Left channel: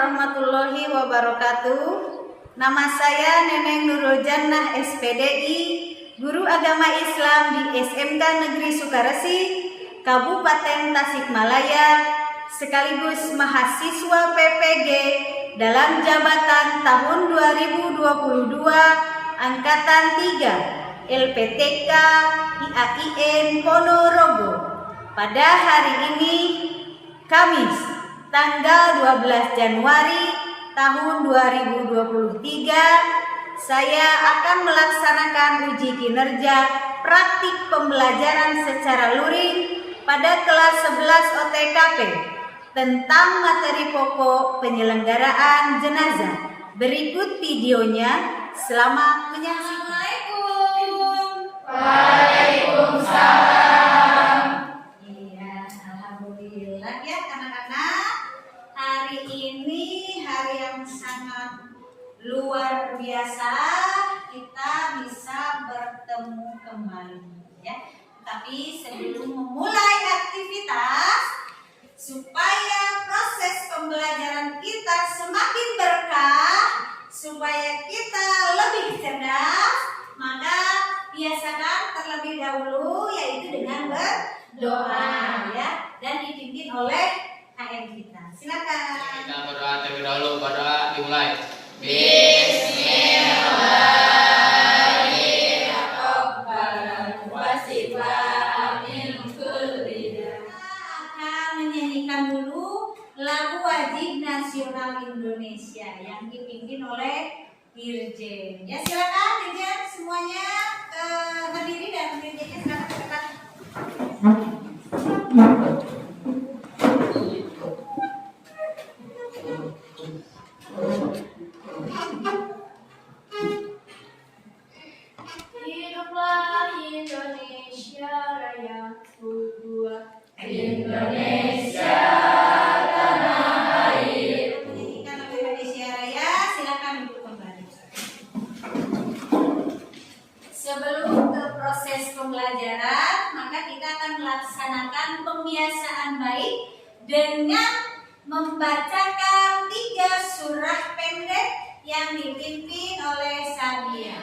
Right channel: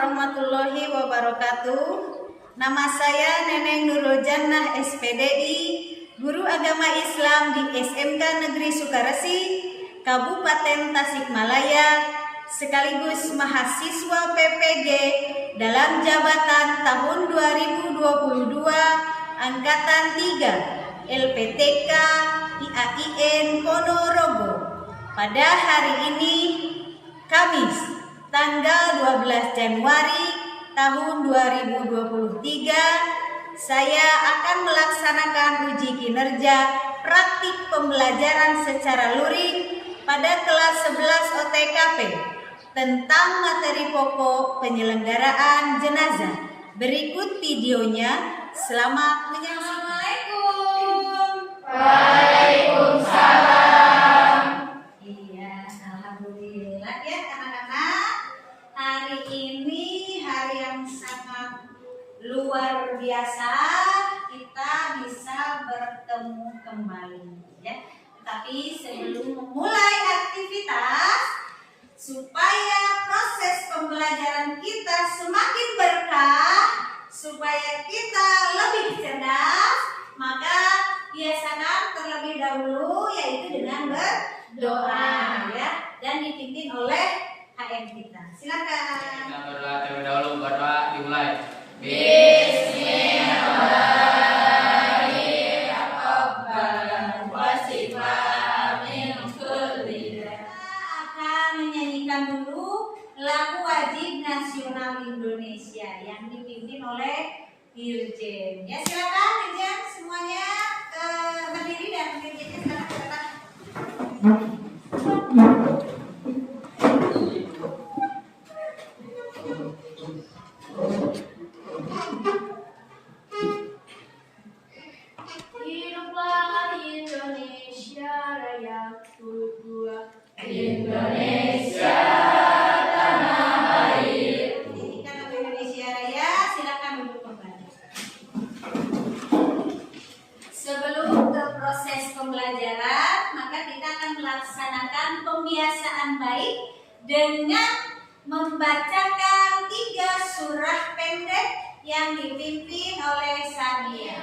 warahmatullahi wabarakatuh. Nama saya Neneng Nurul Jannah SPDI, Guru Agama Islam di SMK Negeri Sukaresi, Kabupaten Tasikmalaya, sekaligus mahasiswa PPG dalam jabatan tahun 2022 Angkatan 3 LPTK IAIN Ponorogo. Pada hari ini Kamis tanggal 12 Januari tahun 2023, saya akan melaksanakan uji kinerja praktik pembelajaran secara luring pada kelas 11 OTKP tentang materi pokok penyelenggaraan jenazah. Berikut videonya. Selamat menyaksikan. Assalamualaikum. Waalaikumsalam. Iya, alhamdulillah ya anak-anak. Hari ini hari yang sangat luar biasa, kita bisa bertemu kembali ya. Tapi sebelum memulai aktivitas, supaya proses pembelajaran kita semakin berkah, supaya kita lebih cerdas, maka biasakan terlebih dahulu yaitu dengan berdoa ya, dan dipimpin oleh HM kita. Silakan. Kita berdoa terlebih dahulu. Berdoa dimulai. Akan menyanyikan dulu lagu wajib nasional Indonesia yang dipimpin oleh Dirjen. Ya, silakan Dirjen semuanya berdiri dan Dirjennya silakan ke depan. Hiduplah Indonesia Raya Kedua. Indonesia tanah air. Nyanyikan lagu Indonesia Raya, silakan duduk kembali. Sebelum ke proses pembelajaran, maka kita akan melaksanakan pembiasaan baik dengan membacakan 3 surah pendek yang dipimpin oleh Sadia.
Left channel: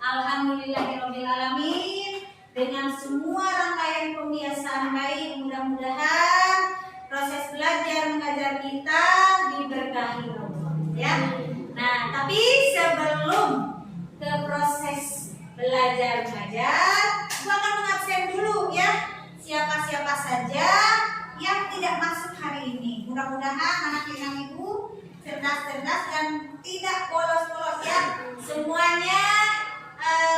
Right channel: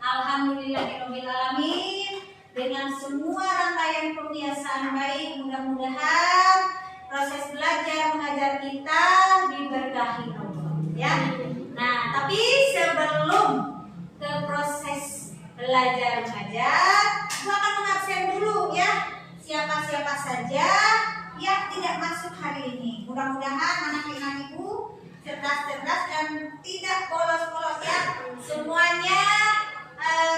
Alhamdulillahirrahmanirrahim. Dengan semua rangkaian pembiasaan baik, mudah-mudahan proses belajar mengajar kita diberkahi Allah ya. Nah, tapi sebelum ke proses belajar mengajar, gua akan mengabsen dulu ya siapa-siapa saja yang tidak masuk hari ini. Mudah-mudahan anak-anak ibu cerdas-cerdas dan tidak bolos-bolos ya. Semuanya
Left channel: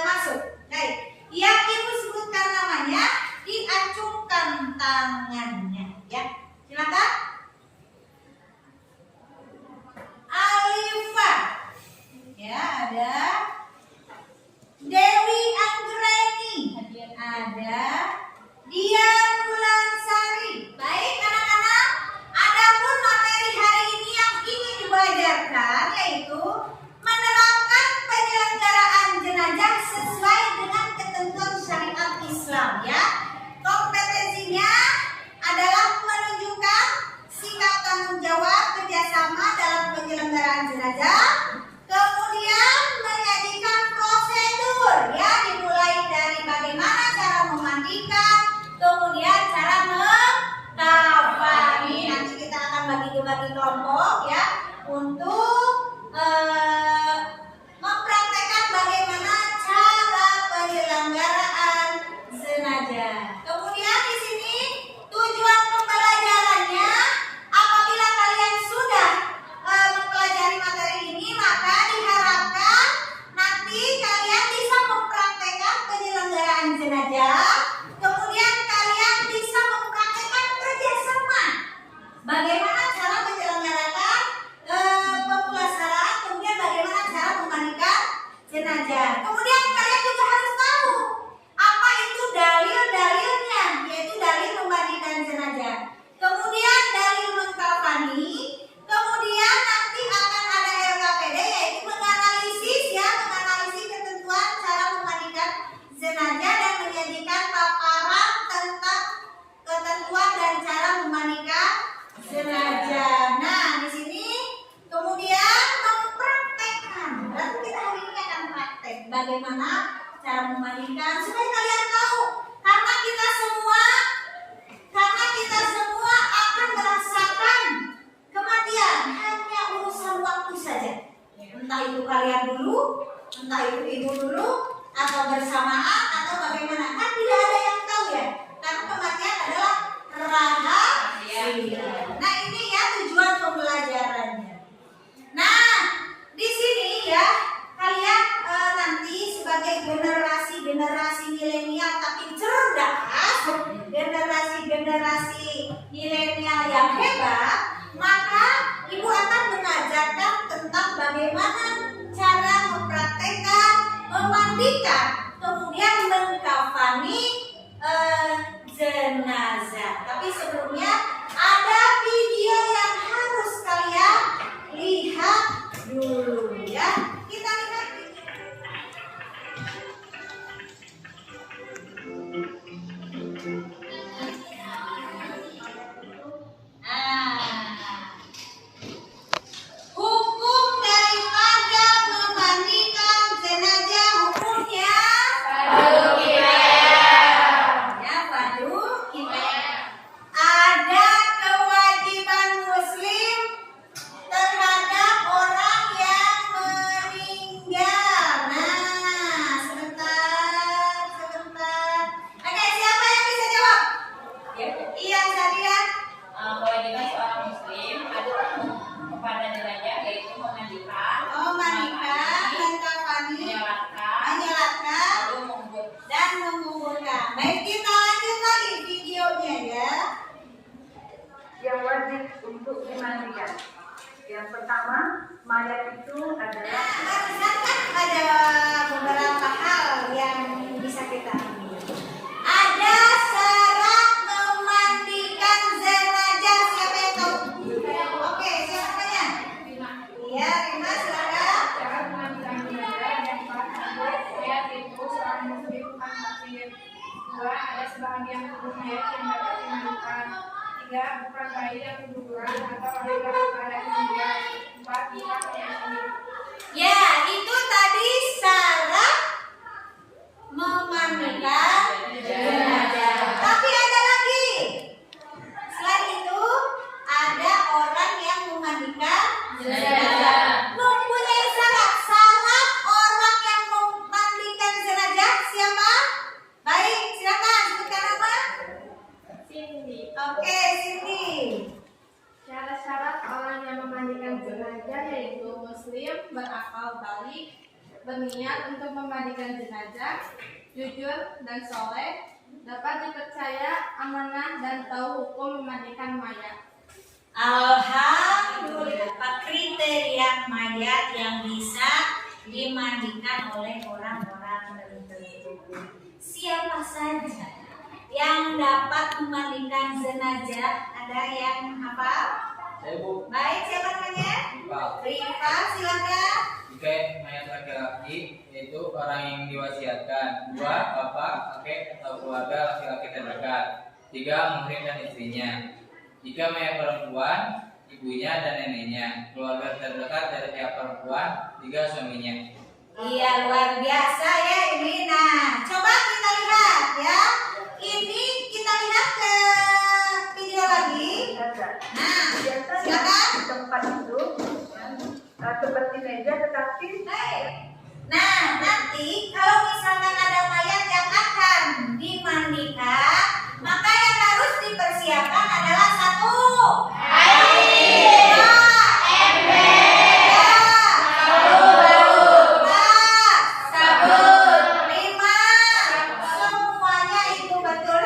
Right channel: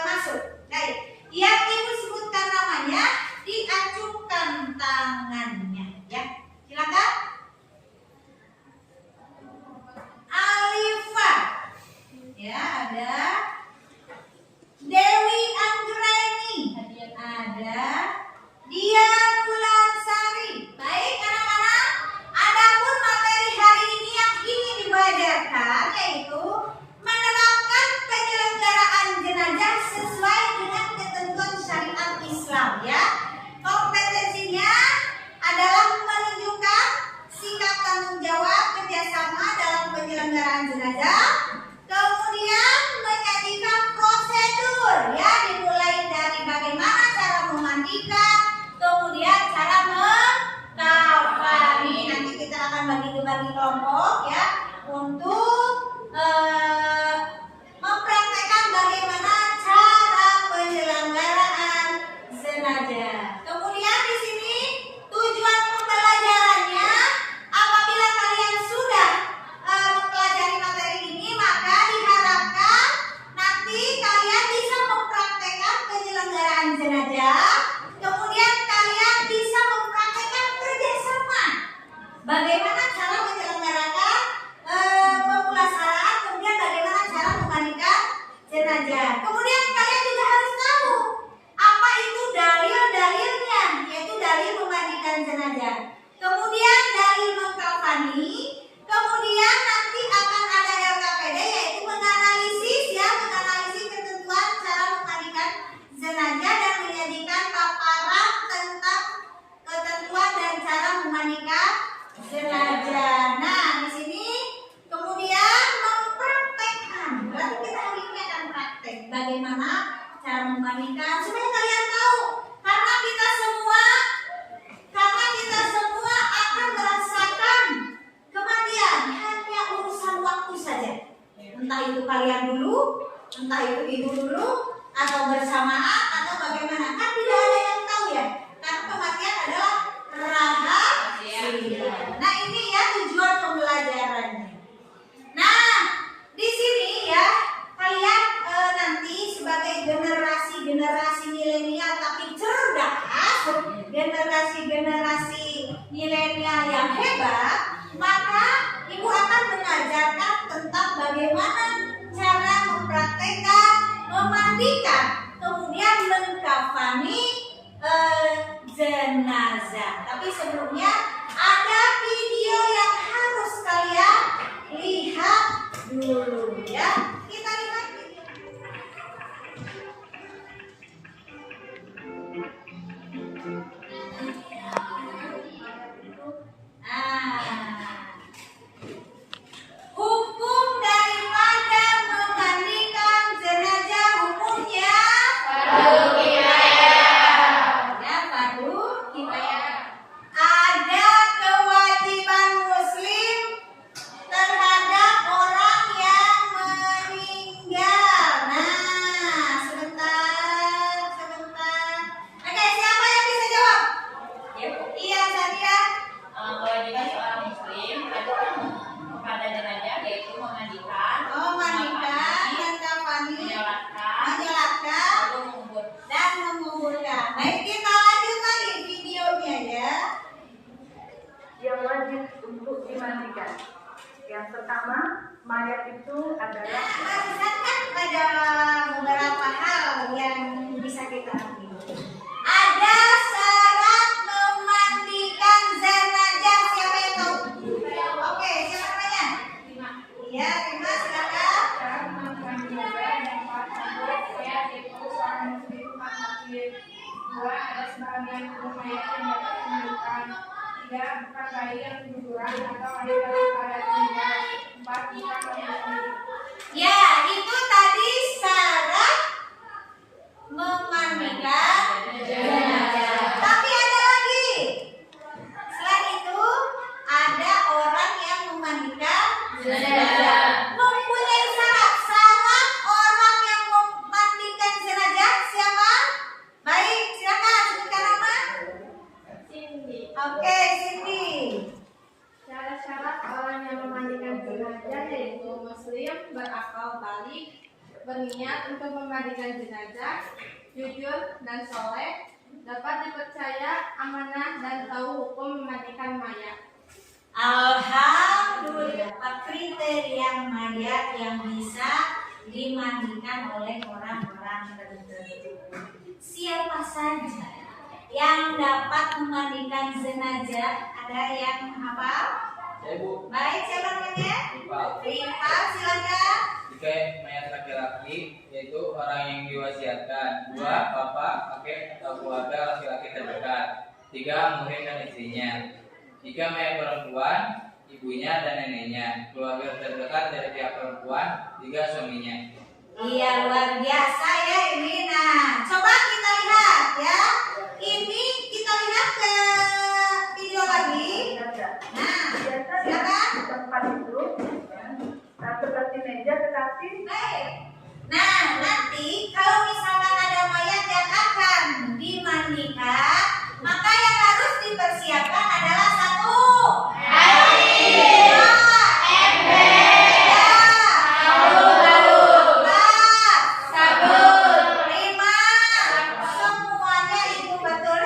masuk. Baik, yang ibu sebutkan namanya diacungkan tangannya ya. Silakan. Alifa, ya ada. Dewi Anggreni, ada. Dian Wulansari. Baik anak-anak, adapun materi hari ini yang ingin dibacakan yaitu menerapkan penyelenggaraan jenazah sesuai dengan ketentuan syariat Islam ya. Kompetensinya adalah menunjukkan sikap tanggung jawab kerjasama dalam penyelenggaraan jenazah, kemudian menyajikan prosedur ya, dimulai dari bagaimana cara memandikan, kemudian cara mengkafani. Nanti kita akan bagi kelompok ya untuk mempraktekkan bagaimana cara penyelenggaraan jenazah. Kemudian di sini tujuan pembelajarannya, apabila kalian sudah mempelajari materi ini, maka diharapkan nanti kalian bisa mempraktekkan penyelenggaraan jenazah. Kemudian kalian bisa mempraktekkan kerjasama. Bagaimana cara menyelenggarakan jenazah. Nah, di sini kemudian mempraktekkan. Berarti kita hari ini akan praktek bagaimana cara memandikan supaya kalian tahu karena kita semua akan merasakan kematian, hanya urusan waktu saja. Entah itu kalian dulu, entah itu ibu dulu, atau bersamaan, atau bagaimana. Kan tidak ada yang tahu ya. Karena kematian adalah rahasia. Nah, ini ya tujuan pembelajarannya. Nah, di sini ya kalian nanti sebagai generasi milenial tapi cerdas, generasi milenial yang hebat, maka ibu akan mengajarkan tentang bagaimana cara mempraktekkan, memandikan, kemudian mengkafani jenazah. Tapi sebelumnya ada video yang harus kalian lihat dulu ya. Kita lihat video. Hukum daripada memandikan jenazah hukumnya Fardu kifayah. ya fardu kifayah. Ada kewajiban muslim terhadap orang yang meninggal. Nah, sebentar. Oke, siapa yang bisa jawab? Ya, Bu. Iya, Sadia. Kewajiban seorang muslim adalah kepada jenazah yaitu memandikan, Memandikan, mengkafani, menyolatkan, menyolatkan, lalu mengubur. dan menguburkan. Baik, kita lanjut lagi videonya ya. Yang wajib untuk dimandikan. Yang pertama, mayat itu adalah Barusan kan ada beberapa hal yang bisa kita ambil. Ada syarat memandikan jenazah. Siapa yang tahu? Oke, siapa namanya? Iya, Rima, silakan. Cara memandikan jenazah yang pertama, mayat itu seorang muslim kafir. 2. Ada sebahagian tubuh mayat yang dapat dimandikan. 3. Bukan bayi yang keguguran atau wanita pada meninggal. 4. Bukan pemilik. Ya, itu tadi syarat memandikan jenazah. Tapi ada lagi. Selain itu, ada orang yang memandikan jenazah. Mempunyai syarat orang yang memandikan jenazah siapa? Baik, silakan sebutkan nama. Cindy. Oke, Cindy. Syarat-syarat orang yang memandikan jenazah yaitu muslim, berakal balik, berniat untuk memandikan jenazah, jujur dan soleh, dapat dipercaya, amanah dan tahu hukum memandikan mayat. Alhamdulillah, kriteria mayat yang bisa dimandikan oleh orang-orang tertentu. Siapa saja yang dapat memandikan jenazah? Ada yang hafal? Saya, Bu. Baik, siapa namanya? Iqbal. Rifa, silakan. Jika mayat laki-laki yaitu orang yang diwasiatkan. 2. Bapak, kakek atau keluarga laki-laki terdekat. 3. Muhrim dan istrinya. Jika mayat perempuan, ibunya dan neneknya. Keluarga terdekat dari pihak perempuan. 3. Suaminya. Iya, luar biasa ya ini. Nah, coba kita lihat ya. Ini kita lihat ke video lagi. jenazah. Nah, Biasanya silakan. di tempat itu ya, seperti meja tetapi Baik. Nah, nanti kalau misalkan ada mayat yang akan dimandikan, maka yang harus dipersiapkan adalah 1. Air. 2. Ember. 3. Sabun. 5. Semuanya itu betul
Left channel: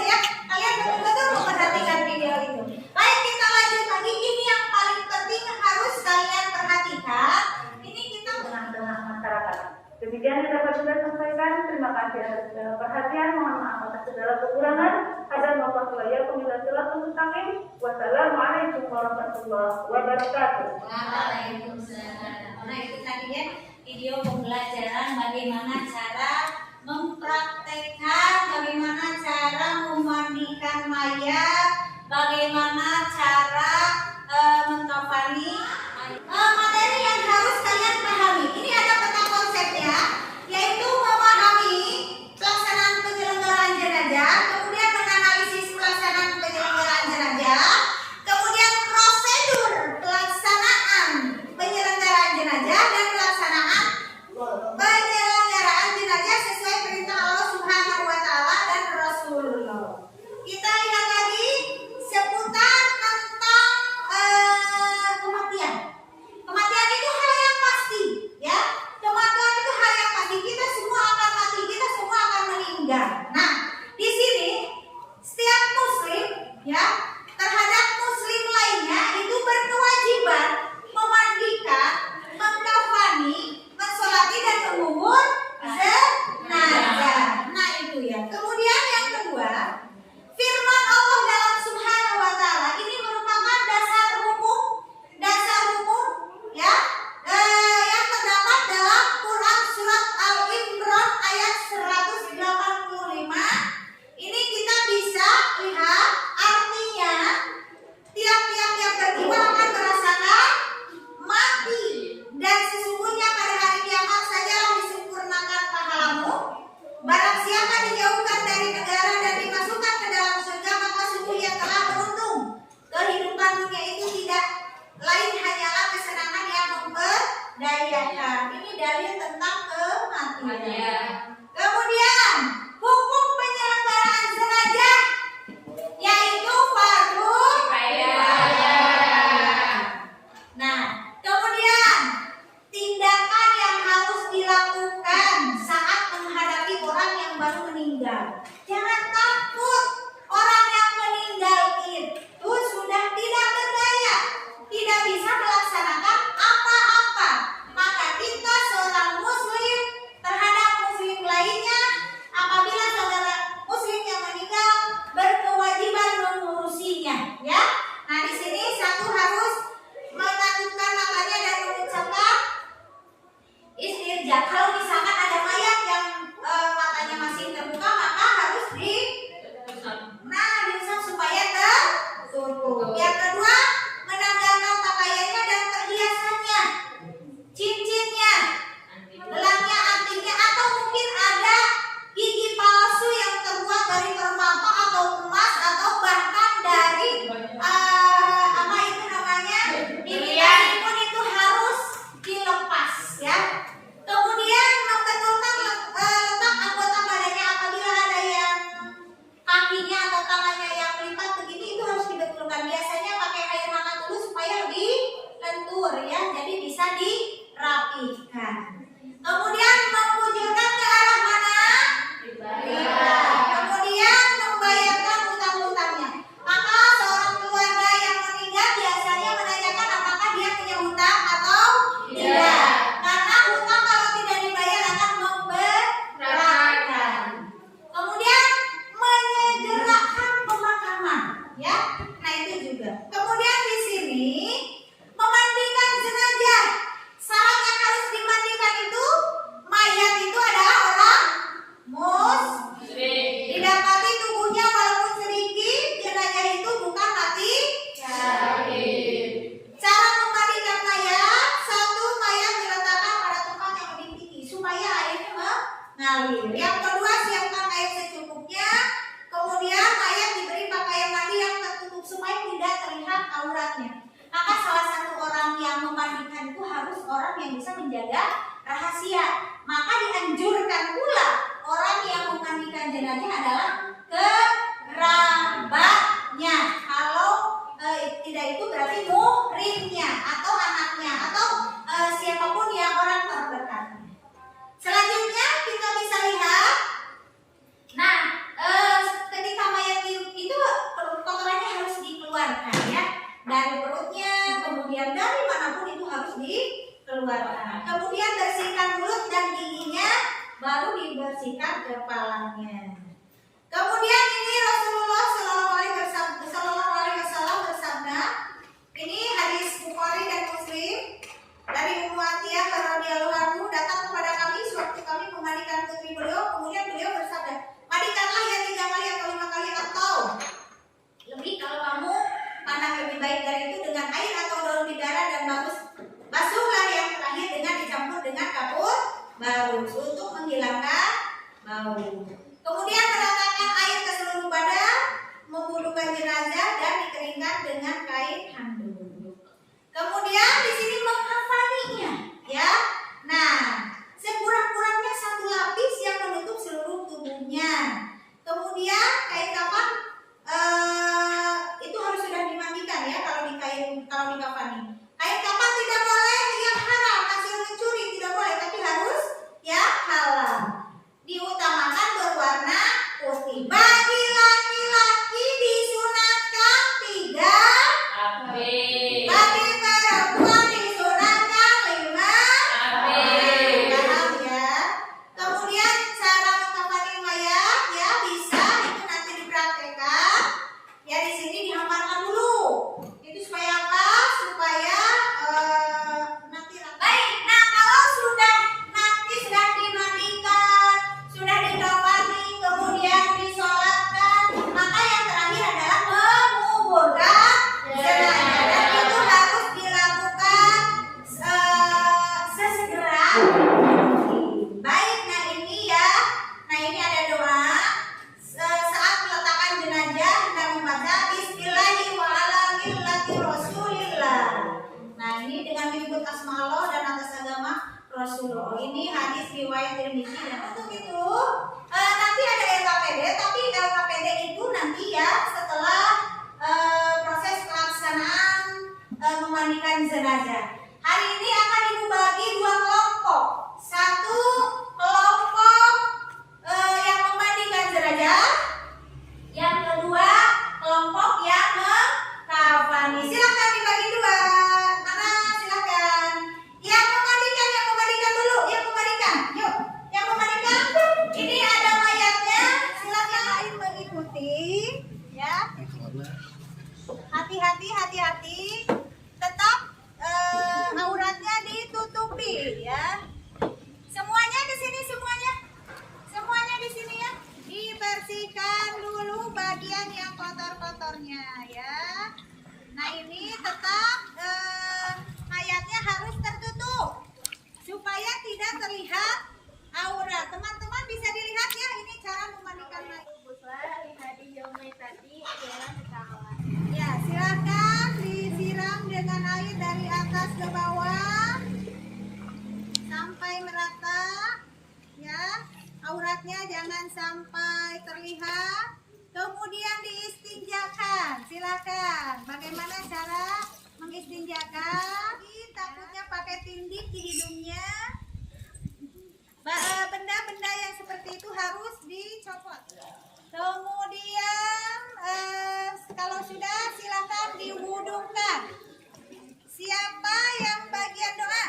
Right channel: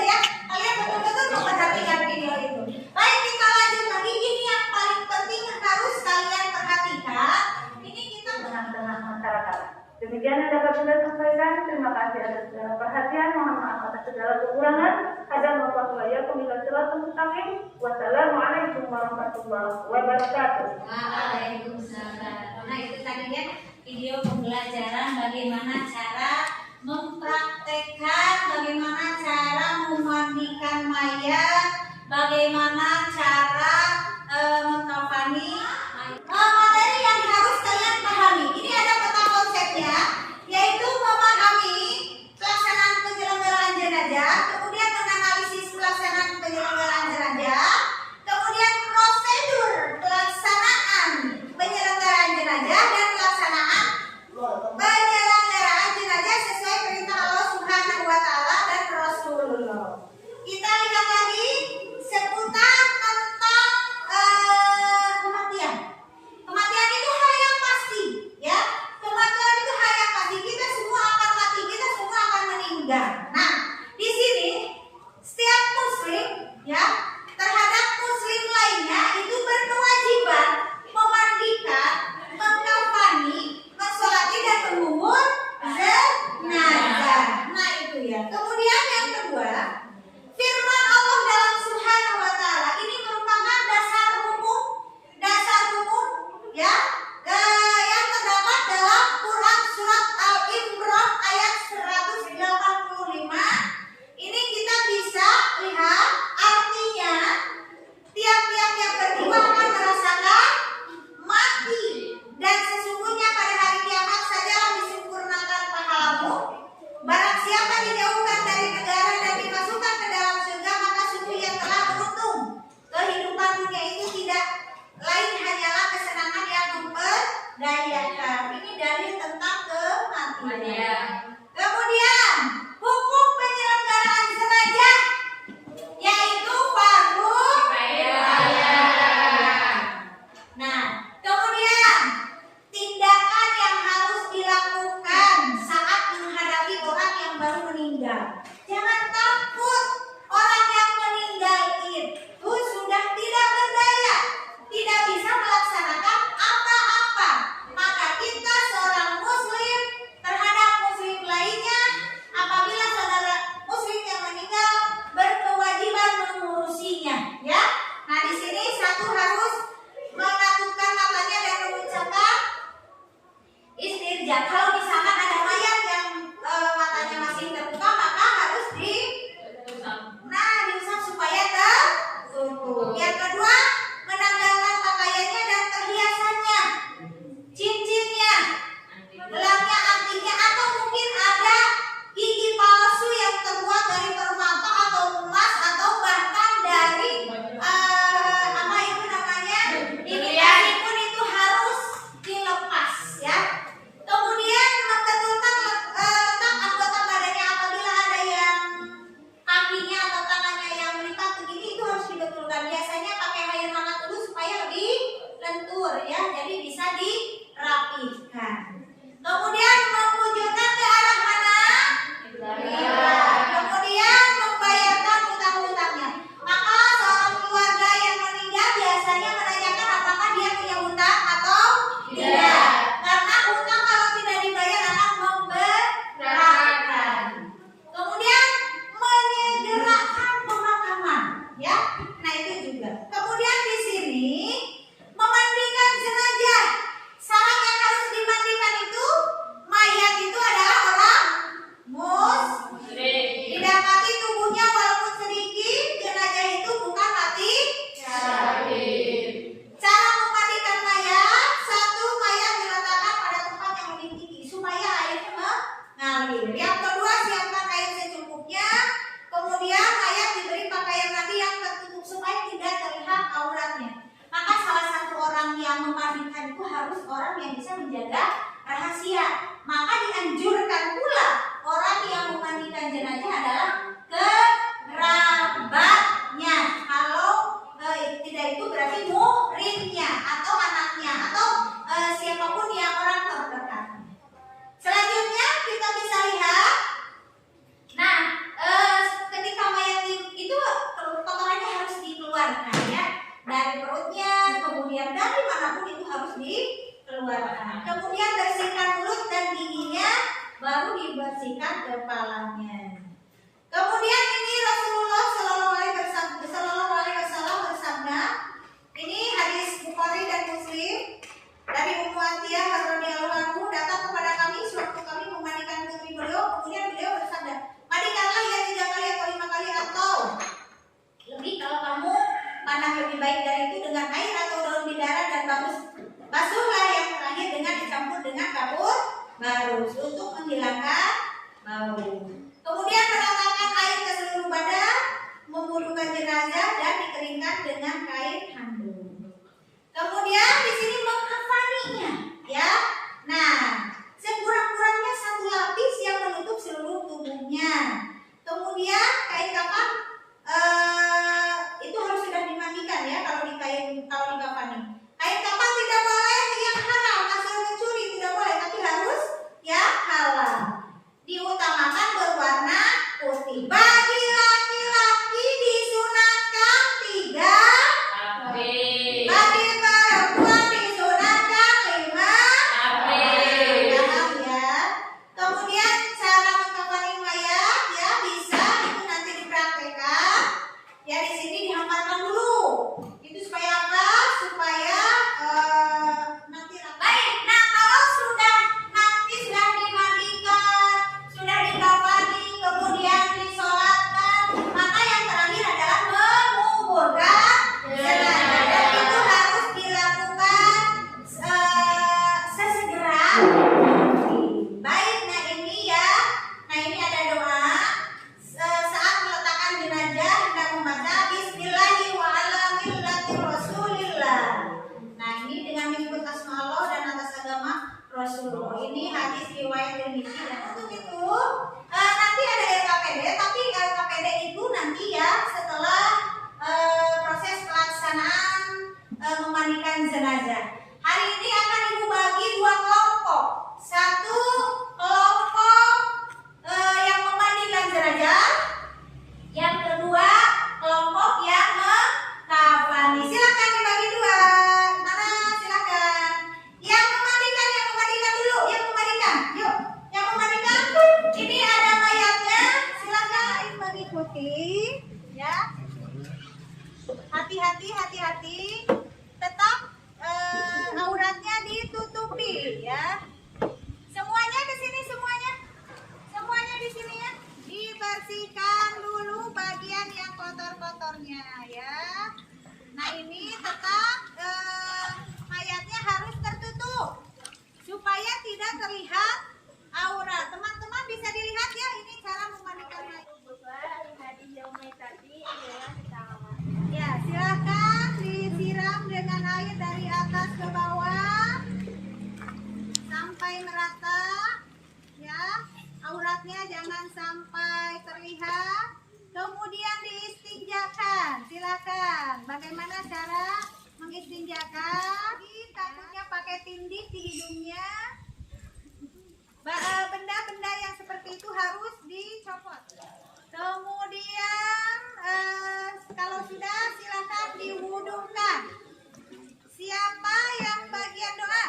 ya. Kalian betul-betul memperhatikan video itu. Baik, kita lanjut lagi. Ini yang paling penting harus kalian perhatikan. Ini kita tengah-tengah masyarakat. Demikian yang dapat saya sampaikan. Terima kasih atas segala perhatian. Mohon maaf atas segala kekurangan. Ada Wassalamualaikum warahmatullahi wabarakatuh. Waalaikumsalam. Nah, itu tadinya video pembelajaran bagaimana cara mempraktekkan, bagaimana cara memandikan mayat, bagaimana cara mengkafani materi yang harus kalian pahami. Ini ada peta konsepnya, yaitu memahami pelaksanaan penyelenggaraan jenazah, kemudian menganalisis pelaksanaan penyelenggaraan jenazah, kemudian prosedur pelaksanaan penyelenggaraan jenazah dan pelaksanaan penyelenggaraan jenazah sesuai perintah Allah Subhanahu wa taala dan Rasulullah. Kita lihat lagi seputar tentang kematian. Kematian itu hal yang pasti, ya. Kematian itu hal yang pasti. Kita semua akan mati, kita semua akan meninggal. Nah, di sini setiap muslim, ya, terhadap muslim lainnya itu berkewajiban memandikan, mengkafani, mensolati dan mengubur jenazah. Nah, itu ya. Kemudian yang kedua, firman Allah dalam Subhanahu wa taala ini merupakan dasar hukum ya yang terdapat dalam Quran surat Al-Imran ayat 185. Ini kita bisa lihat artinya tiap-tiap yang berjiwa akan merasakan mati, dan sesungguhnya pada hari kiamat sajalah disempurnakan pahalamu. Barang siapa dijauhkan dari negara dan dimasukkan ke dalam surga, maka sungguh yang telah beruntung. Kehidupan dunia itu tidak lain hanyalah kesenangan yang memperdayakan. Ini dalil tentang kematian. Kemudian hukum penyelenggaraan jenazah, yaitu fardu kifayah. Nah, kemudian tindakan yang harus dilakukan saat menghadapi orang yang baru meninggal. Jangan takut, orang yang meninggal itu sudah tidak berdaya, tidak bisa melaksanakan apa-apa. Maka kita seorang muslim terhadap muslim lainnya, apabila saudara muslim yang meninggal, berkewajiban mengurusinya, ya. Nah, di sini satu harus melakukan makanya dan mengucapkan istirja. Kalau misalkan ada mayat yang matanya masih terbuka, maka harus diusap supaya tertutup. Yang kedua, menanggalkan pakaiannya dan perhiasannya, cincinnya, gelangnya, antingnya, atau mungkin ada gigi palsu yang terbuat dari permata atau emas atau bahkan dari apa itu namanya imitasi pun, itu harus dilepas, ya. Kemudian membetulkan letak anggota badannya, apabila ada yang kakinya atau tangannya yang melipat begini, itu harus dibetulkan. Biasanya pakai air hangat dulu supaya lebih lentur, ya, jadi bisa dirapikan. Kemudian membujurkan ke arah mana? Kiblat. Kemudian membayarkan hutang-hutangnya. Maka seorang keluarga yang meninggal biasanya menanyakan apakah dia punya hutang atau tidak. Karena hutang kalau tidak dibayar akan memberatkan. Kemudian menyegerakan pemakaman, ya. Nah, itu juga. Kemudian di sini memandikan jenazah. Syarat yang harus dimandikan itu, mayat itu adalah orang muslim. Didapati tubuhnya walaupun sedikit, jenazah itu bukan mati syahid. Cara memandikan mayat, satu, mayat diletakkan pada tempat yang lebih tinggi supaya airnya mengalir. Yang kedua, siapkan air secukupnya. Kemudian mayat diberi pakaian mandi yang tertutup supaya tidak terlihat auratnya. Maka salah satu orang yang memandikan itu harus orang yang bisa menjaga rahasia. Maka dianjurkan pula orang yang memandikan jenazah adalah kerabatnya. Kalau tidak, itu berarti muhrimnya atau anaknya atau siapapun yang orang terdekatnya. Selanjutnya kita bisa lihat, nah, ketika mayat itu kotorannya harus dikeluarkan, ya, dari perutnya, kemudian dari manapun itu harus dikeluarkan. Kemudian bersihkan mulut dan giginya, baru dibersihkan kepalanya. Kemudian ini Rasulullah Shallallahu Alaihi Wasallam bersabda, ini hadis Bukhari dan Muslim, dari Ummu Atiyah radhiyallahu anhu, datang kepada kami sewaktu kami memandikan putri beliau, kemudian beliau bersabda, mandikanlah ya 3 kali atau 5 kali atau lebih kalau kamu baik dari itu dengan air atau daun bidara dan basuhlah yang terakhir dengan dicampur dengan kapur barus untuk menghilangkan bau. Kemudian meratakan air ke seluruh badan, membudukan jenazah dan dikeringkan dengan kain handuk. Kemudian di sini mengkafaninya, ya. Nah, sekurang-kurangnya 1 lapis yang menutup seluruh tubuhnya. Kemudian kain kafan itu harus sudah dimandikan ya kalau dikafani. Kain kafan tidak boleh yang haram, hasil mencuri tidak boleh, tapi harus yang halal. Diutamakan berwarna putih. Bagi laki-laki disunatkan 3 bagi perempuan disunatkan 5 paham ya. Kemudian cara mengkafani mayat ya bisa itu nanti dipraktekkan ya. Di sini dihamparkan dulu itu supaya apa, supaya nanti baik. Nah, kalau sudah dimandikan, sudah dikafani, kemudian disolatkan, maka yang terakhir adalah menguburkan jenazah. Dan itu harus dilakukan sesegera mungkin. Baik, nah ini ya. Nah ini ada doa saat meletakkan jenazah kita membaca Bismillahi wa ala millati Rasulillah. Nah ini dengan menyebut asma Allah dan atas agama Rasulullah. Ini hadis riwayat Tirmidzi. Dan untuk itu nanti ada LKPD, tapi LKPD itu nanti ya setelah proses pelaksanaan memandikan jenazah. Hari ini akan Ibu bagi 2 kelompok. 1 kelompok yang memandikan jenazah, yang kedua kelompok yang mengkafani. Silakan dibagi 2. Mana silakan. Yang memandikan dulu, yang memandikan. Yuk, yang memandikan. Ini ada mayatnya. Silakan mengikuti ya. Hati-hati. Tetap auratnya ditutupi ya. Semuanya ke sini, semuanya di sini ya. Dibersihkan dulu bagian yang kotor-kotornya ya. Nah ini tetap mayatnya harus tertutup supaya tidak terlihat aurat. Teman-teman bisa dilihat ya, ini cara memandikan mayat. Ya, silakan disiram dengan air dari atas ke bawah sampai merata ya. Auratnya jangan sampai terlihat. Kemudian diistinjakan. Silakan. Bagaimana cara mengistinjakan? Takutnya pakai tindik di hidungnya. Benda-benda yang seperti itu harus dicopot. Kemudian kalau sudah silakan diwudukan. Siapa yang bagian doa?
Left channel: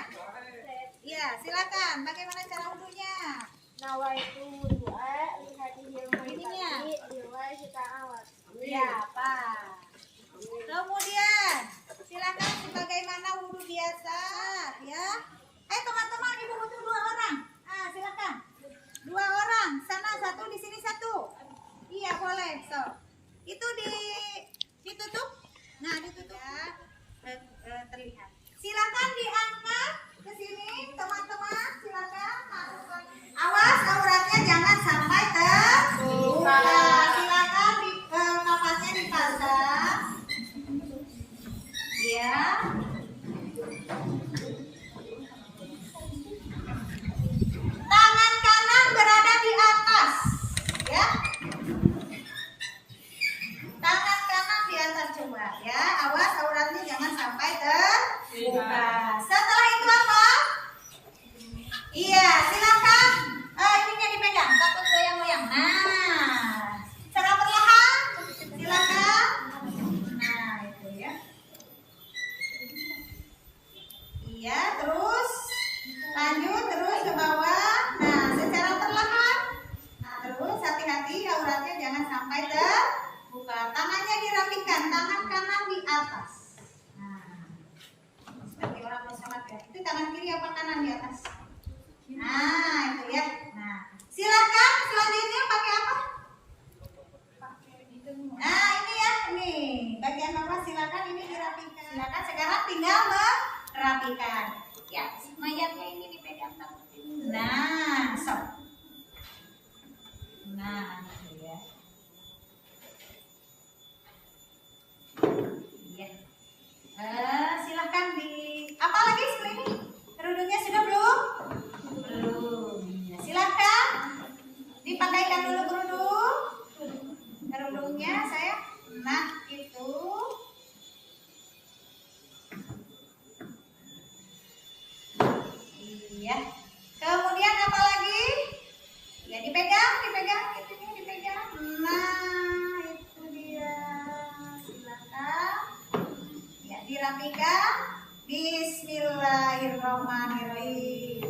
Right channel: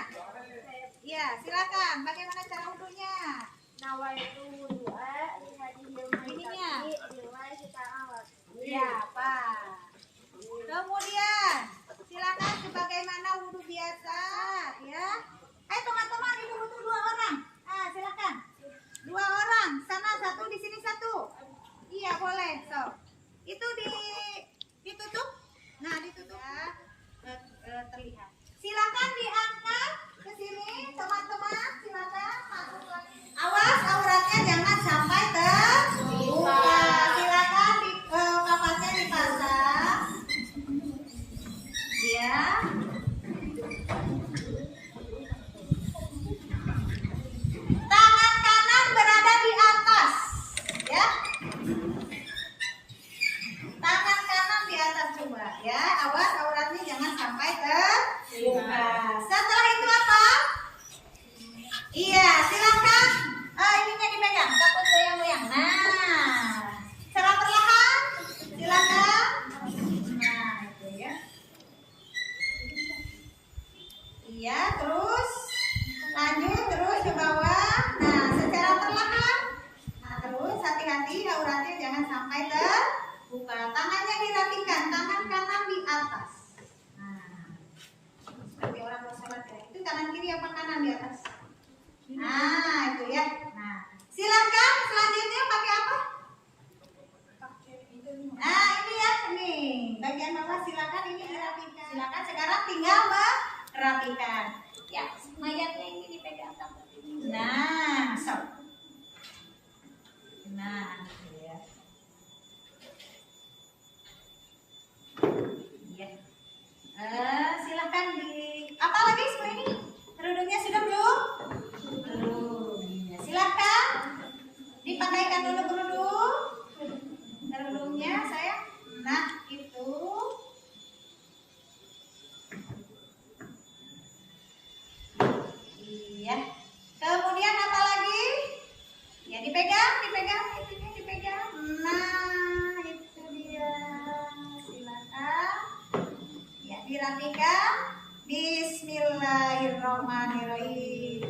Ya, silakan. Bagaimana cara wudunya? Nawaitu wudu'a li hadhil Ininya. maitati Ya, Pak. Kemudian silakan sebagaimana wudu biasa ya. Teman-teman, Ibu butuh 2 orang. Silakan. 2 orang. Sana 1, di sini 1. Iya, boleh. So, itu ditutup. Nah, ditutup ya. Terlihat. Silakan diangkat ke sini, teman-teman. Silakan masuk lagi. Awas auratnya jangan sampai terbuka. Silakan kapasnya dipasang. Ya. Tangan kanan berada di atas, ya. Tangan kanan di atas coba, ya. Awas auratnya jangan sampai terbuka. Setelah itu apa? Iya, silakan. Ininya dipegang, takut goyang-goyang. Nah, secara perlahan, silakan. Nah, itu ya. Iya, terus lanjut terus ke bawah. Nah, secara perlahan. Nah, terus hati-hati auratnya jangan sampai terbuka. Tangannya dirapikan, tangan kanan di atas. Nah, seperti orang mau sholat ya. Itu tangan kiri apa kanan di atas? Nah, itu ya. Nah, silakan selanjutnya pakai apa? Nah, ini ya, ini bagian bawah silakan ini. Silakan sekarang tinggal merapikan. Ya, mayatnya ini dipegang seperti ini. Nah, sok. Nah, gitu ya. Iya. Silakan di apa lagi seperti ini? Kerudungnya sudah belum? Belum. Ya, silakan dipakaikan dulu kerudungnya saya. Nah, itu. Iya. Kemudian apa lagi? Ya dipegang, itunya dipegang. Nah, itu dia. Silakan. Ya dirapikan. Bismillahirrahmanirrahim.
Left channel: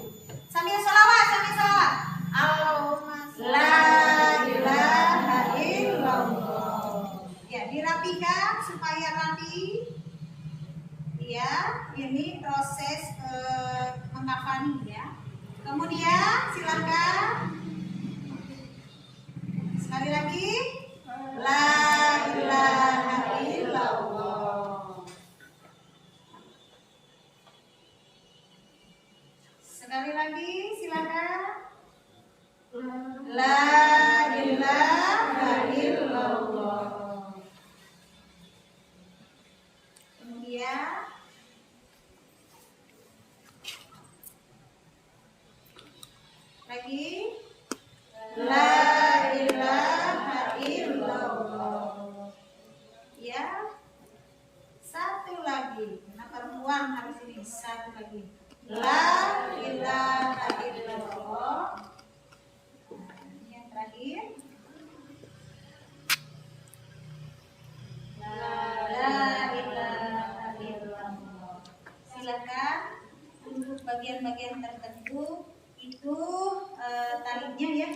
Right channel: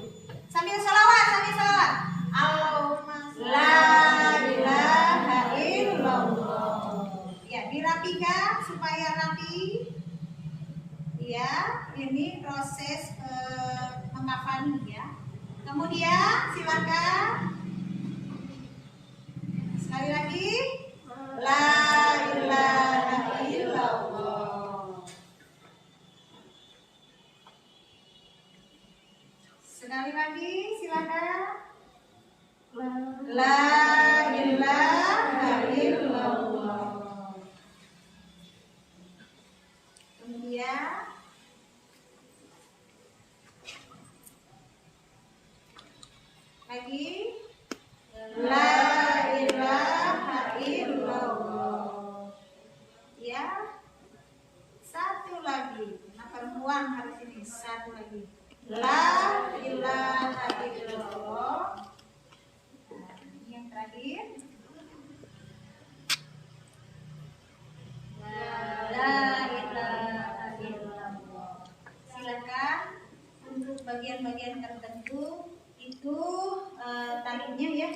Sambil sholawat. Allahumma la ilaha illallah. Ya dirapikan supaya rapi. Ya, ini proses mengkafani ya. Kemudian silakan sekali lagi la ilaha illallah. Sekali lagi silakan la ilaha illallah. Kemudian lagi la ilaha illallah. Ya, satu lagi. Nah, perempuan harus ini. Satu lagi la ilaha illallah. Nah, ini yang terakhir la ilaha illallah. Silakan untuk bagian-bagian tertentu itu talinya ya,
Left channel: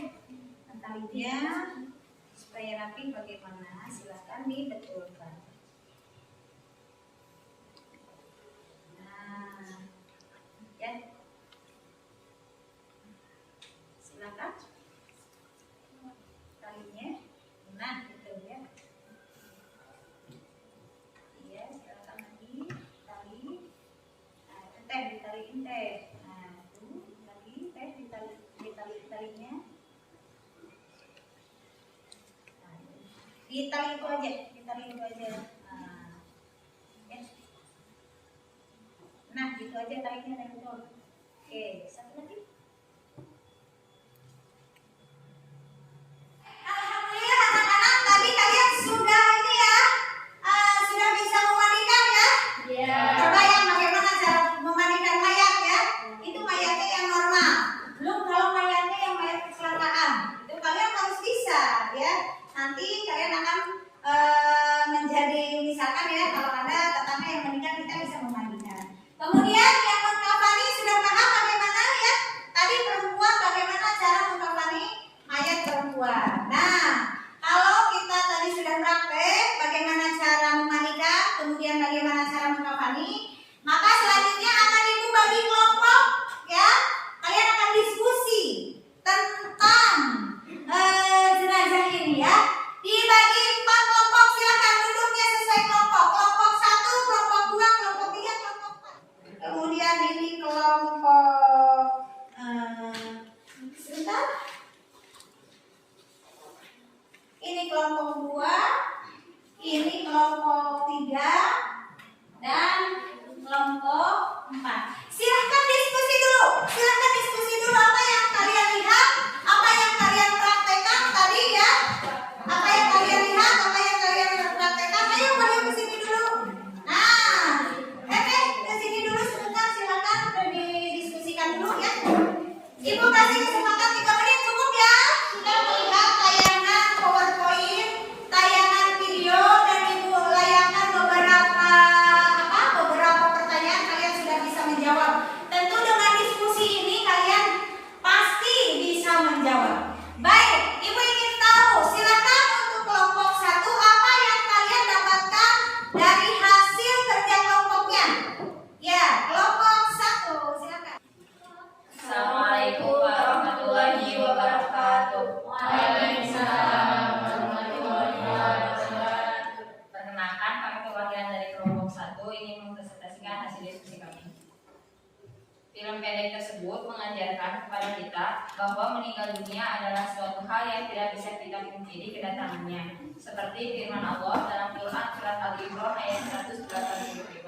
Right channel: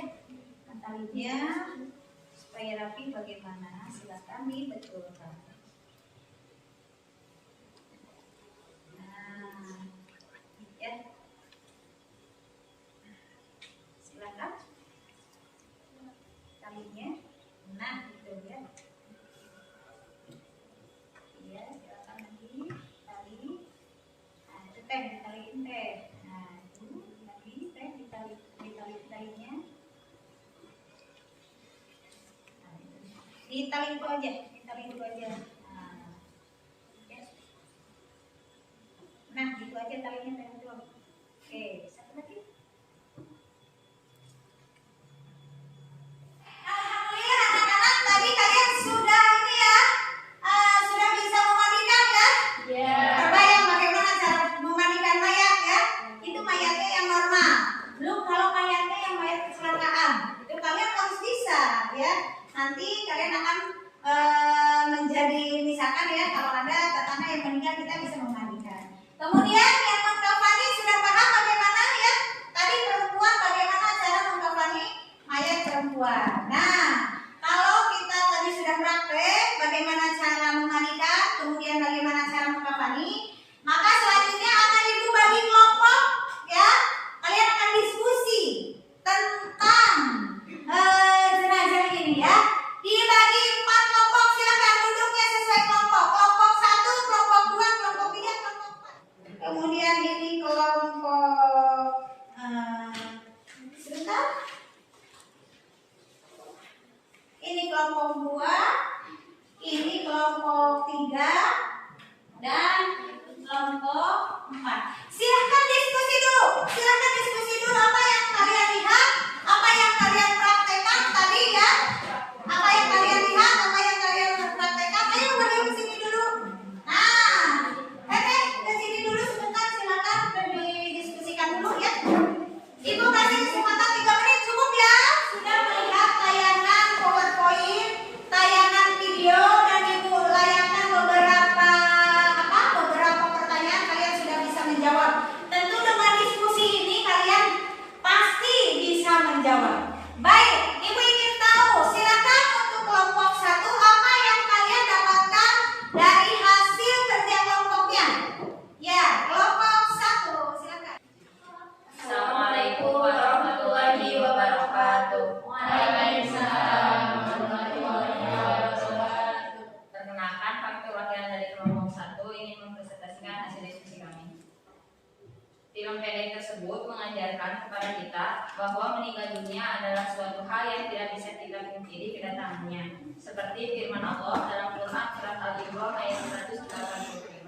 talinya supaya rapi bagaimana, silakan dibetulkan. Nah, ya, silakan talinya, nah itu ya, iya silakan lagi tali, nah itu teh ditaliin teh. Talinya ditali itu aja, nah, ya. Nah gitu aja talinya betul. Oke, satu lagi. Alhamdulillah anak-anak tadi kalian sudah ini ya, sudah bisa memandikan ya. Coba yang bagaimana cara memandikan mayat ya. Itu mayatnya yang normal. Belum kalau mayatnya yang mayat kecelakaan, itu kalian harus bisa ya. Nanti kalian akan menjadi misalkan ya, kalau ada tetangga yang meninggal kita bisa memandikan. Kemudian yang mengkafani sudah paham bagaimana ya? Tadi perempuan bagaimana cara mengkafani mayat perempuan. Nah, kalau kita tadi sudah praktek bagaimana cara memandikan, kemudian bagaimana cara mengkafani, maka selanjutnya akan ibu bagi kelompok ya. Kalian akan diskusi tentang jenazah ini ya. Dibagi 4 kelompok, silakan duduknya sesuai kelompok. Kelompok 1, kelompok 2, kelompok 3, kelompok 4. Kemudian pendek tersebut mengajarkan kepada kita bahwa meninggal dunia adalah suatu hal yang tidak bisa kita pungkiri kedatangannya. Seperti firman Allah dalam Quran surat Al-Imran ayat 185.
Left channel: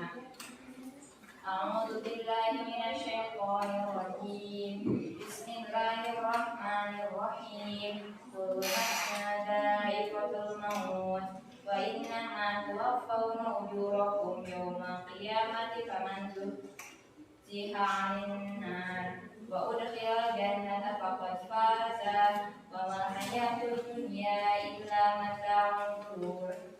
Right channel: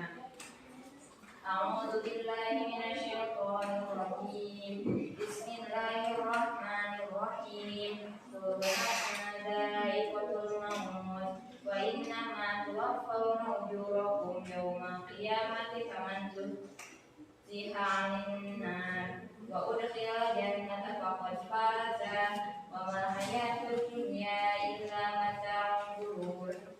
A'udzu billahi minasyaitonir rajim. Bismillahirrahmanirrahim. Kullu nafsin dha'iqatul maut wa innama tuwaffawna ujurakum yawmal qiyamati faman zuhziha 'anil nar wa udkhila jannata faqad faza wa mal hayatud dunya illa mata'ul ghurur.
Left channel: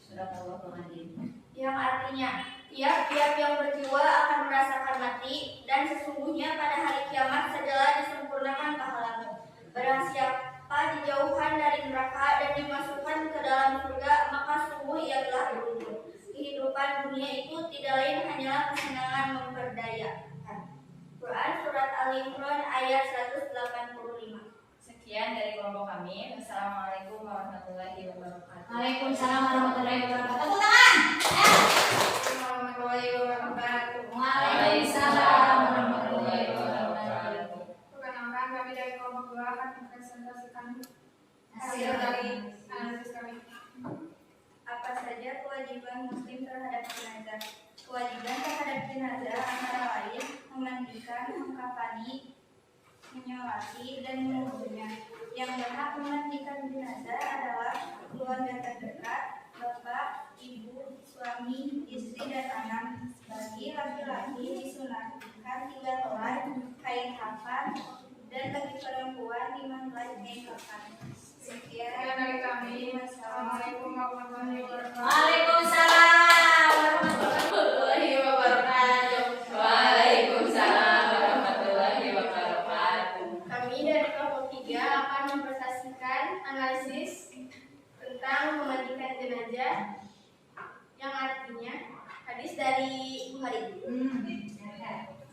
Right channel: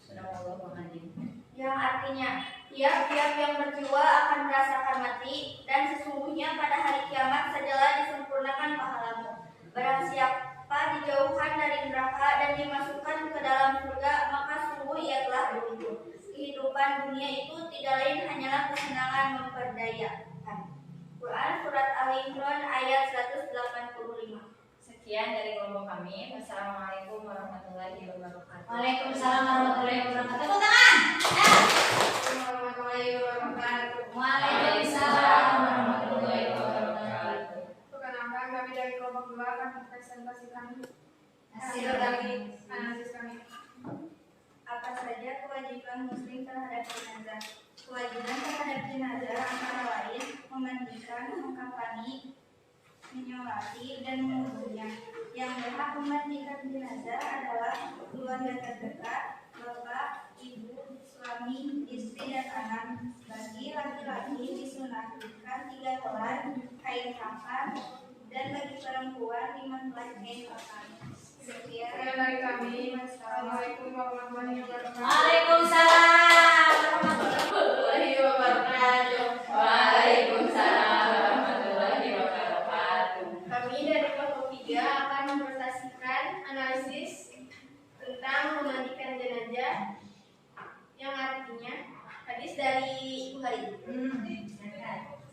Sadaqallahul adzim. Yang artinya tiap-tiap yang berjiwa akan merasakan mati, dan sesungguhnya pada hari kiamat sajalah disempurnakan pahalamu. Barang siapa dijauhkan dari neraka dan dimasukkan ke dalam surga, maka sungguh ia telah beruntung. Kehidupan dunia itu tidak lain hanyalah kesenangan memperdayakan. Quran Surat Al-Imran ayat 185. Sekian dari kelompok kami. Wassalamualaikum warahmatullahi wabarakatuh. Waalaikumsalam warahmatullahi wabarakatuh. Tepuk tangan. Warahmatullahi wabarakatuh. Waalaikumsalam warahmatullahi wabarakatuh. Perkenalkan, kami dari kelompok 2 akan mempresentasikan hasil dari analisis kami. Apa saja kewajiban muslim terhadap jenazah? Kewajiban terhadap jenazah antara lain memandikan, mengkafani, menyolati, dan menguburnya. Yang berhak memandikan jenazah adalah keluarga terdekat, bapak, ibu, suami, istri, dan anak. Bagi laki-laki disunahkan 3 helai kain kafan, dan bagi perempuan 5 helai kain kafan. Sekian dari kami. Wassalamualaikum warahmatullahi wabarakatuh. Waalaikumsalam warahmatullahi wabarakatuh. Waalaikumsalam warahmatullahi wabarakatuh. Kami dari kelompok 3 akan mempresentasikan analisis tentang memandikan jenazah, yang artinya hadis dari Bukhari.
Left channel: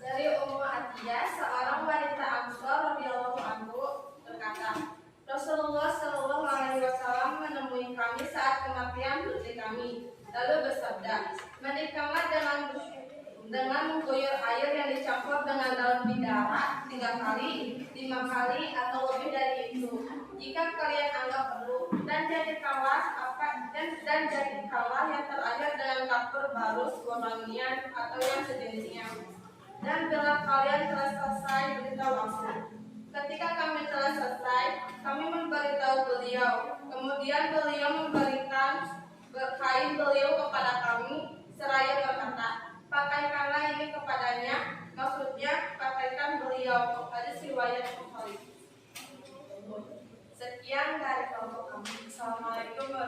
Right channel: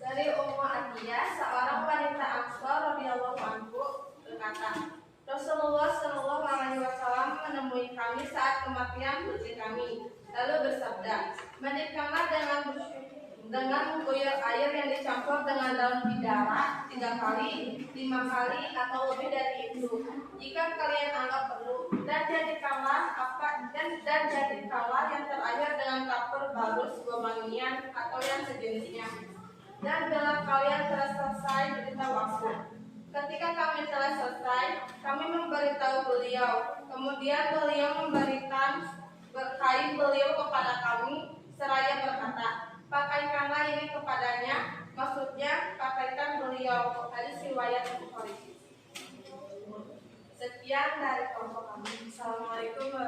Dari Ummu Atiyah, seorang wanita Ansor radhiyallahu anhu berkata, Rasulullah Shallallahu Alaihi Wasallam menemui kami saat kematian putri kami, lalu bersabda, mandikanlah dengan mengguyur air yang dicampur dengan daun bidara 3 kali, 5 kali, atau lebih dari itu, jika kalian anggap perlu, dan jadikanlah yang terakhir dengan kapur barus, gomangian, atau yang sejenisnya. Dan bila kalian telah selesai, beritahu. Ketika kami telah selesai, kami memberitahu beliau. Kemudian beliau memberikan kain beliau kepada kami, seraya berkata, pakaikanlah ini kepadanya. Maksudnya, pakaikan beliau. Hadis riwayat Bukhari. Sekian dari kelompok kami. Assalamualaikum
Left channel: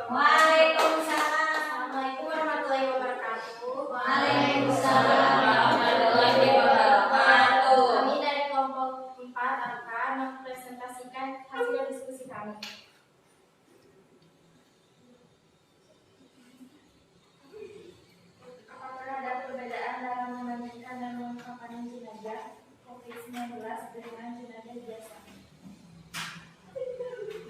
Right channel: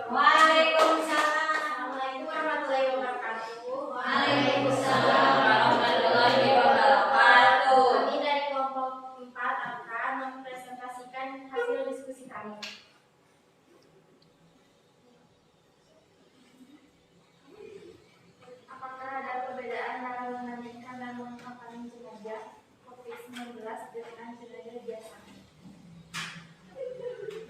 warahmatullahi wabarakatuh. Waalaikumsalam warahmatullahi wabarakatuh. Kami dari kelompok 4 akan mempresentasikan hasil diskusi kami. Apakah ada perbedaan dalam memandikan dan mengkafani jenazah COVID-19 dengan jenazah biasa?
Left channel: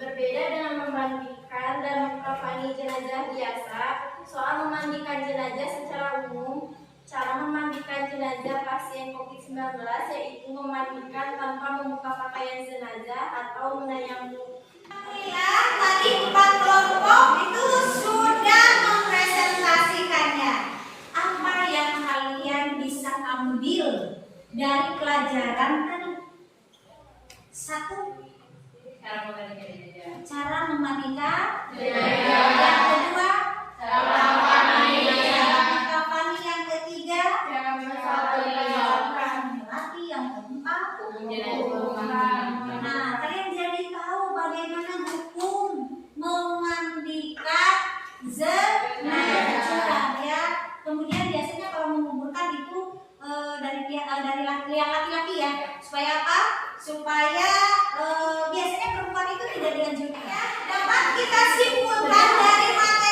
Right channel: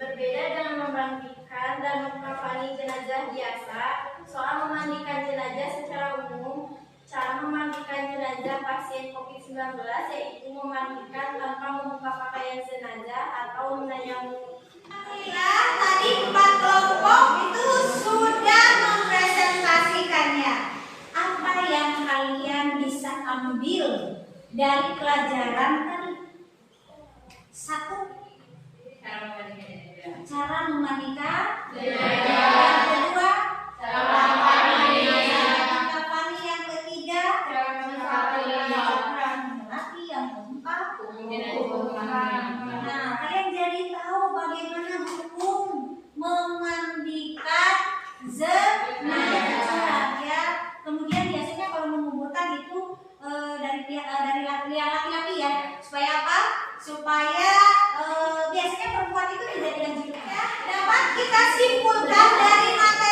Berbeda dengan memandikan dan mengkafani jenazah biasa, soal memandikan jenazah secara umum, cara memandikan jenazah pasien COVID-19 yaitu memandikan tanpa membuka pakaian jenazah atau menayamum. Alhamdulillah, tadi 4 kelompok itu sudah mempresentasikannya. Apa yang kalian bisa ambil dari pelajaran tadi? 1. Cara memandikan jenazah. Yang kedua, cara mengkafani. Yang ketiga, cara menyolati. Yang keempat, nah, kalian jadi tahu bagaimana hukum memandikan jenazah ya. Kemudian biasanya kalau menguburkan itu dari laki-laki ya. Supaya apa? Supaya biasanya perempuan itu tidak dengan judulnya. Dapat kita simpulkan dari materi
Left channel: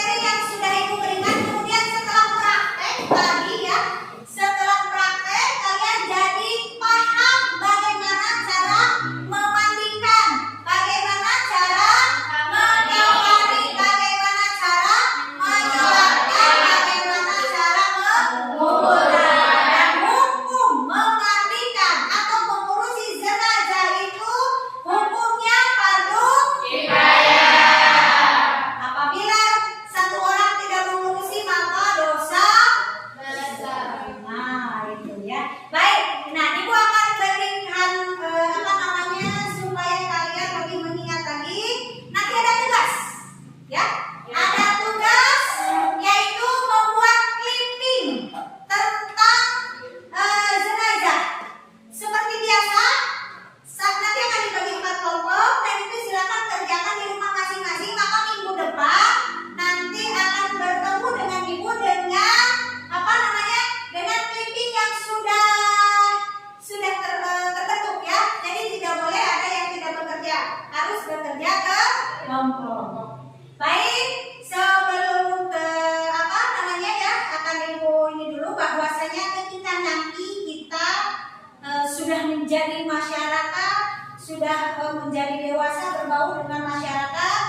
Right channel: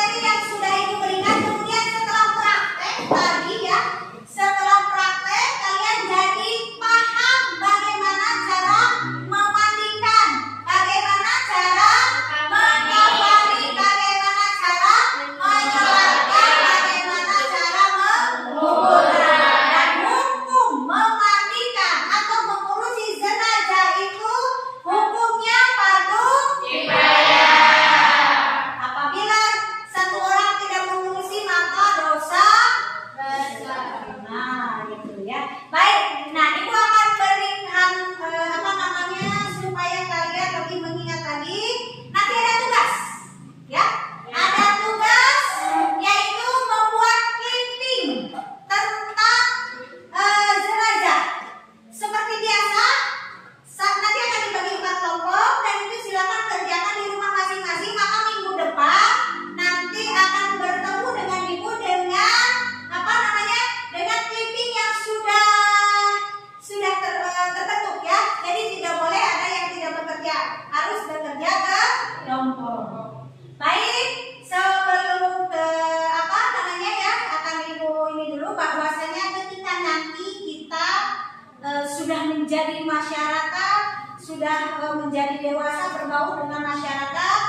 menjadi masyarakat, sudah menjadi dewasa, berbaur dengan masyarakat.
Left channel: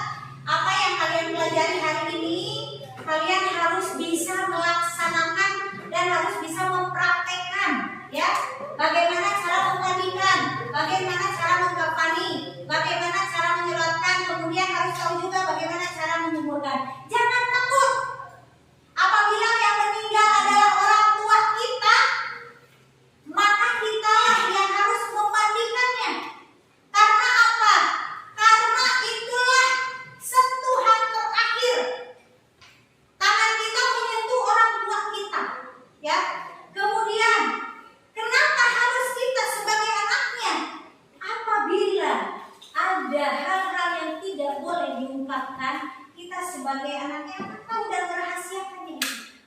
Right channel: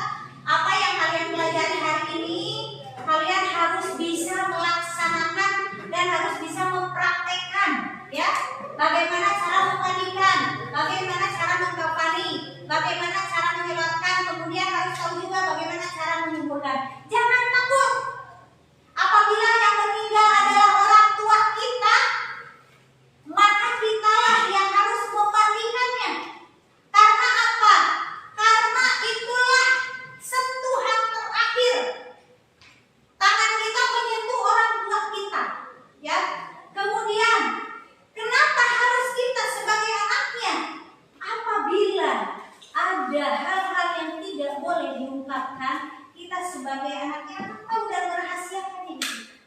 Apa yang kalian pelajari hari ini, kalian harus bisa melaksanakan dan harus bisa mempraktekkan, ya. Bagaimana cara memandikan, bagaimana cara mengkafani, bagaimana cara menyelatkan, kemudian harus tahu juga bagaimana cara menyuburkan. Jangan takut. Apabila yang meninggal adalah orang tua kita, maka kitalah yang harus memandikannya. Karena apa? Karena itulah sentuhan terakhir. Tangan kita menyentuh orang tua kita, ya. Kemudian, kenapa harus kita sebagai anaknya? Apabila ada hal-hal yang tidak boleh diungkapkan, kita sebagai anaknya akan tahu dan merahasiakannya.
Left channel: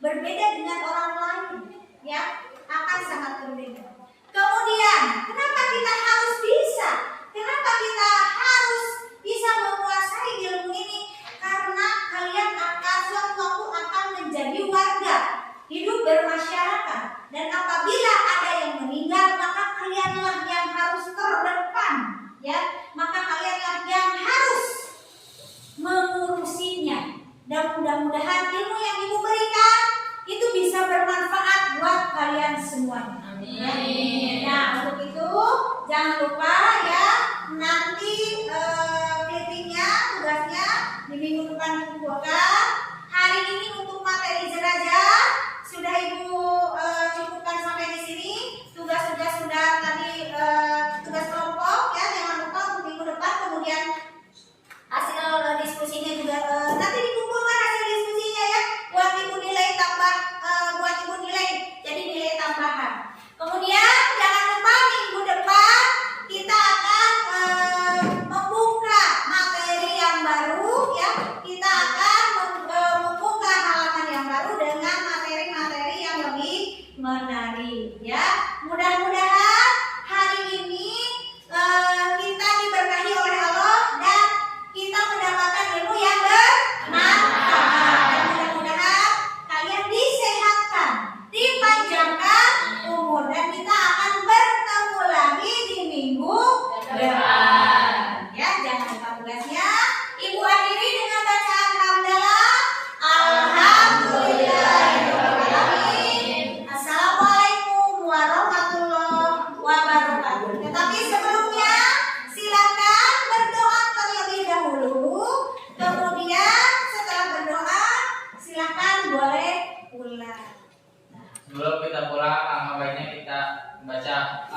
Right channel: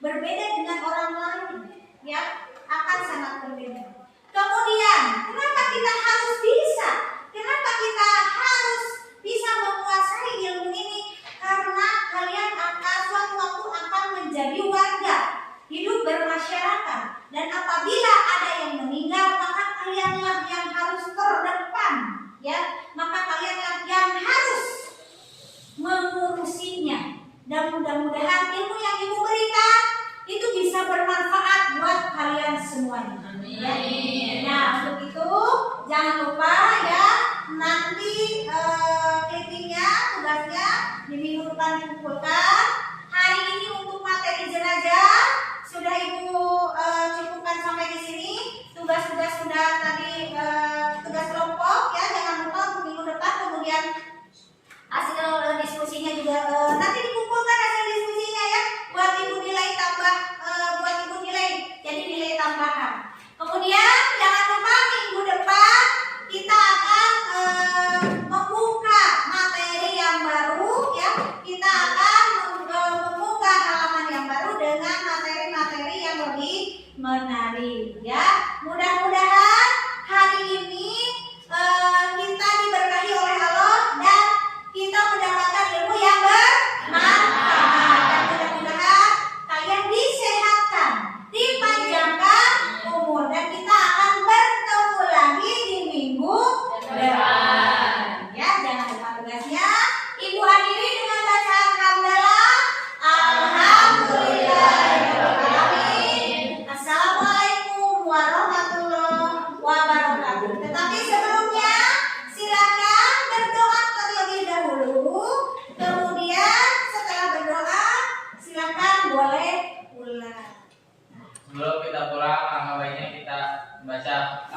Berbeda dengan orang lain, ya, akan sangat berbeda. Kemudian, kenapa kita harus bisa? Kenapa kita harus bisa menguasai ilmu ini? Karena kalian akan suatu waktu akan menjadi warga, hidup bermasyarakat. Dan apabila ada yang meninggal, maka kalianlah yang harus terdepan, ya. Maka kalianlah yang harus mengurusinya. Dan mudah-mudahan ilmu yang Ibu berikan itu bisa bermanfaat buat kalian semuanya. Amin. Nah, untuk itu jangan lupa ya, nanti clippingnya, tugasnya di minggu depan dikumpulkan. Hari ini untuk materi jenazah sudah Ibu cukupkan sampai di sini. Tugas-tugas sudah tadi, tugas kelompok ya, jangan lupa untuk minggu depan. Kemudian hasil diskusinya juga nanti dikumpulkan hasil diskusinya ya, buat Ibu nilai tambah, buat Ibu nilai jadi nilai tambahan. Kemudian jangan lupa minggu depan kita akan membuka materi yang baru ya. Kita akan membuka halaman yang baru dengan materi-materi yang lebih menarik ya. Mudah-mudahan hari ini kita diberkahi oleh Allah dan kita mendapatkan ilmu yang bermanfaat. Dan mudah-mudahan kalian disehatkan, dipanjangkan umur, dan kita akan bertemu lagi di minggu depan. Ya, jangan lupa tugasnya. Ibu akhiri dengan bacaan hamdalah. Alhamdulillahirobbilalamin. Assalamualaikum warahmatullahi wabarakatuh. Tetapi sebelumnya silakan berdoa terlebih dahulu. Kemudian setelah berdoa silakan boleh pulang. Sebelum kita pulang, alangkah baiknya kita baca